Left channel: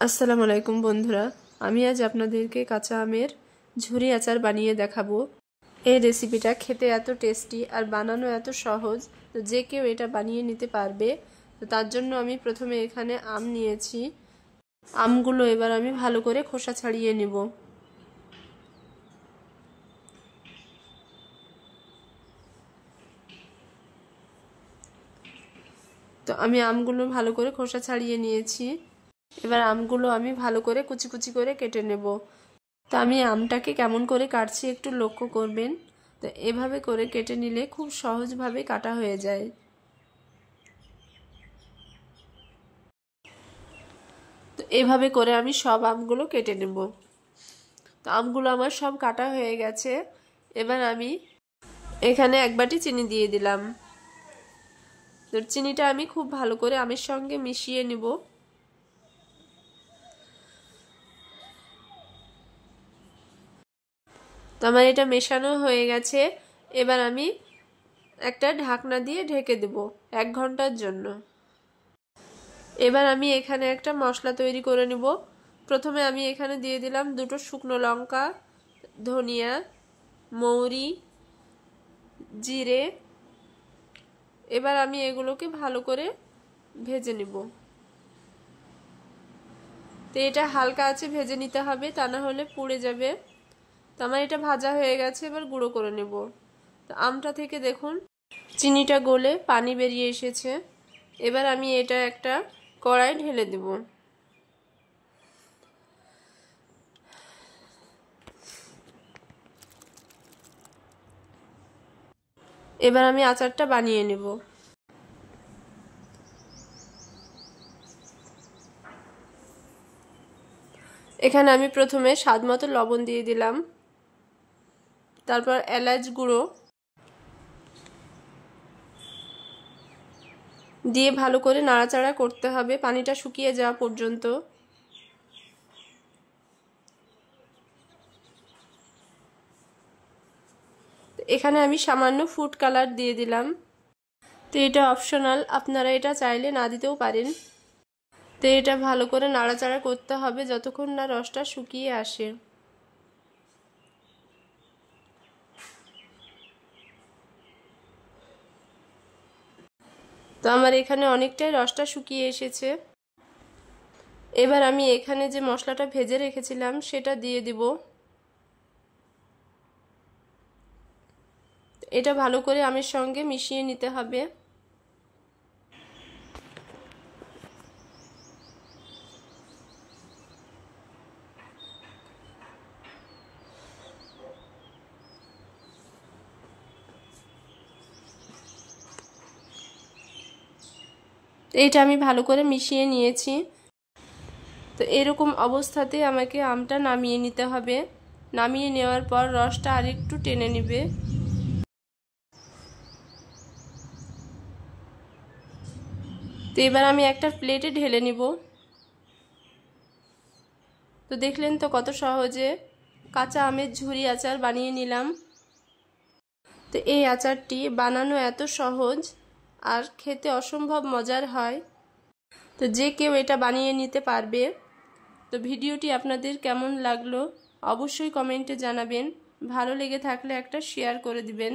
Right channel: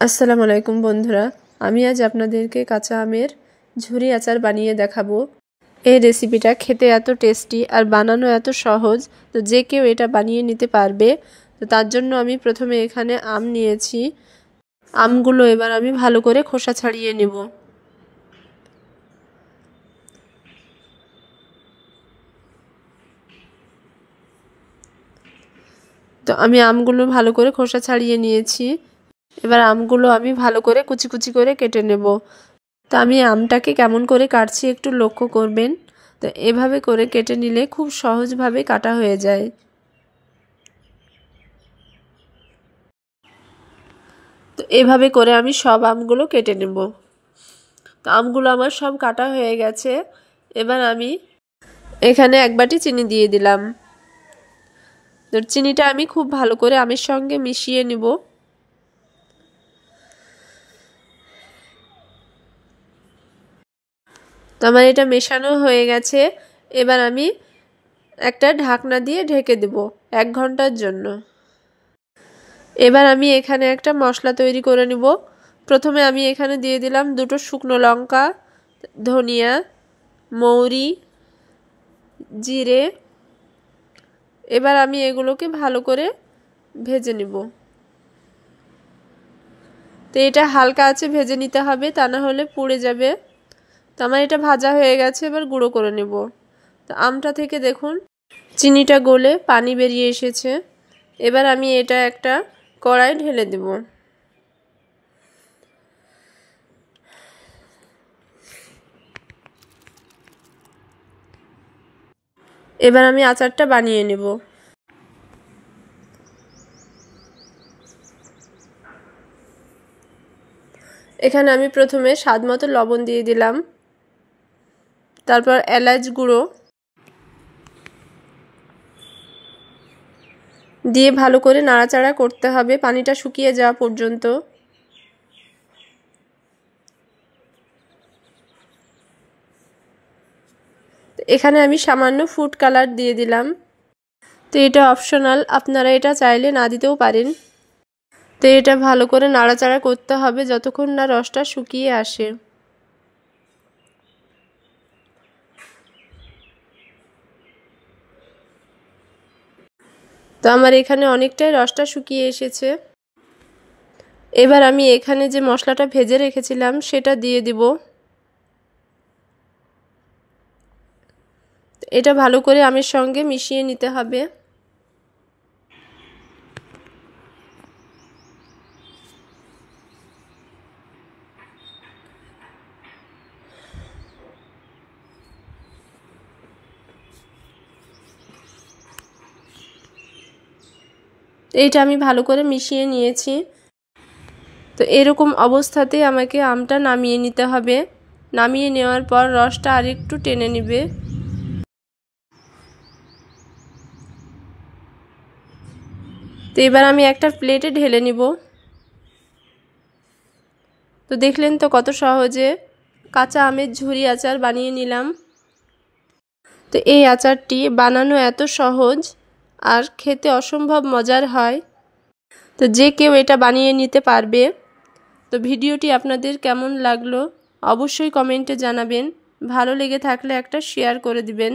আসসালামু আলাইকুম বন্ধুরা, আমি আজ আপনাদেরকে কাঁচা আমের ঝুরি আচার বানিয়ে দেখাবো। এই রেসিপিটা খেতে এত টেস্টি আর বানানো এত সহজ, তো যে কেউ এটা বানিয়ে নিতে পারবে। তো তার জন্য আমি প্রথমে এখানে আম নিয়েছি। আমগুলো এবার আমি ভালো করে খোসা ছাড়িয়ে নেব। তো আমি আমগুলো ভালো করে খোসা ছাড়িয়ে নিয়েছি। এবার আমগুলো আমি ভালো করে কুচি কুচি করে কেটে নেব। তো আমি আমটাকে কেমন করে কাটছি একটু লক্ষ্য করবেন। তো এভাবে করে কেটে নিলে খুব সহজভাবে কাটা হয়ে যায়। তো এভাবে করে আমি সব আমগুলো কেটে নেব। তো আমগুলো আমার সব কাটা হয়ে গেছে। এবার আমি এখানে এক বাটি চিনি দিয়ে দিলাম। তো চিনিটা আমি খুব ভালো করে আমের সঙ্গে মিশিয়ে নেব। তো আমার এটা মেশানো হয়ে গেছে। এবার আমি একটা ঢাকনা দিয়ে ঢেকে দেব 1 ঘন্টার জন্য। এবার আমি এখানে একটা মশলা তৈরি করে নেব। প্রথমে আমি এখানে দিয়ে দিলাম 2টো শুকনো লঙ্কা, ধনিয়া, মৌরি, জিরে। এবার আমি এগুলোকে ভালো করে ভেজে নেব। তো এটা হালকা আছে ভেজে নিতে হবে, তা না হলে পুড়ে যাবে। তো আমার এটা ভাজা হয়ে গেছে, এবার গুঁড়ো করে নেব। তো আমটা থেকে দেখুন চিনিটা গলে পানি বেরিয়ে এসেছে। এবার আমি এটা একটা কড়াই ঢেলে দেব। এবার আমি আচারটা বানিয়ে নেব। এখানে আমি প্রথমে স্বাদ মতো লবণ দিয়ে দিলাম, তারপর এলাচ গুঁড়ো দিয়ে ভালো করে নাড়াচাড়া করতে হবে পানিটা শুকিয়ে যাওয়া পর্যন্ত। এখানে আমি সামান্য ফুড কালার দিয়ে দিলাম। তো এটা অপশনাল, আপনারা এটা চাইলে না দিতেও পারেন। তো এটা ভালো করে নাড়াচাড়া করতে হবে যতক্ষণ না রসটা শুকিয়ে আসে। তো আমার এখানে অনেকটাই রসটা শুকিয়ে এসেছে। এবার আমি এখানে যে মশলাটা ভেজে রেখেছিলাম সেটা দিয়ে দিব। এটা ভালো করে আমের সঙ্গে মিশিয়ে নিতে হবে। এইটা আমি ভালো করে মিশিয়ে নিয়েছি। তো এরকম অবস্থাতেই আমাকে আমটা নামিয়ে নিতে হবে। নামিয়ে নেওয়ার পর রসটা আরেকটু টেনে নেবে। তো এবার আমি একটা প্লেটে ঢেলে নিব। তো দেখলেন তো কত সহজে কাঁচা আমের ঝুরি আচার বানিয়ে নিলাম। তো এই আচারটি বানানো এত সহজ আর খেতে অসম্ভব মজার হয়। তো যে কেউ এটা বানিয়ে নিতে পারবে। তো ভিডিওটি আপনাদের কেমন লাগলো অবশ্যই কমেন্টে জানাবেন। ভালো লেগে থাকলে একটা শেয়ার করে দিবেন।